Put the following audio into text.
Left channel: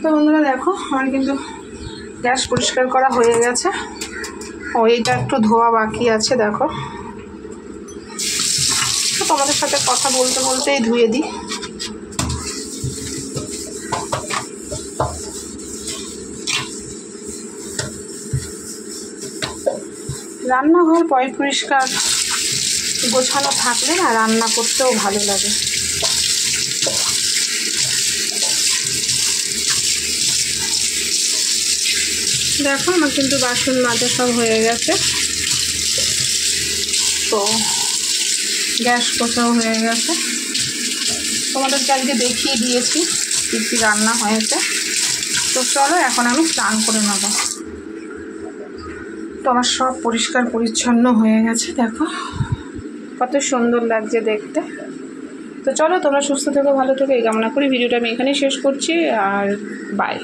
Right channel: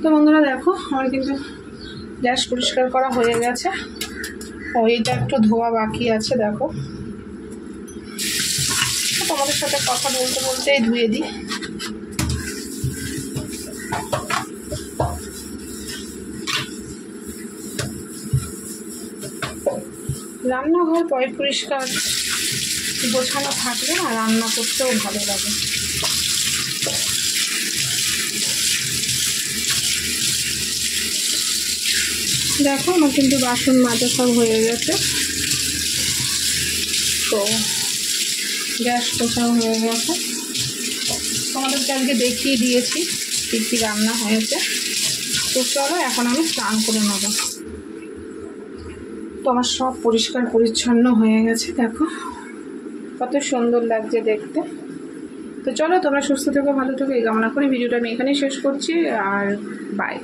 তো বন্ধুরা দেখো আমার কিন্তু গ্যাস পরিষ্কার করা হয়ে গেছে। এইটা একটু ধোয়া বাকি আছে দেখো। তোমাদের সাথে কথা বলতে বলতেই ধুয়ে দিই। রান্নাঘর পরিষ্কার গোছানো থাকলে না রান্না করতেও ভালো লাগে। দেখো আমার কিন্তু বাসন মাজা সব হয়ে গেছে। তো গ্যাস পোছাও হয়ে গেছে। তোমাদেরকে আজকে দেখিয়ে দিয়েছি কী কী রান্না হয়েছে। তো চলো এখন আমি স্নান করে নেব। তো আমার সব পরিষ্কার পরিচ্ছন্ন হয়ে গেছে দেখো, কত সুন্দর লাগছে দেখতে। তো চলো তোমরা সুস্থ থেকো, ভালো থেকো এই কামনা করি ভিডিওটা আমি এখানেই শেষ করছি। আর বাই।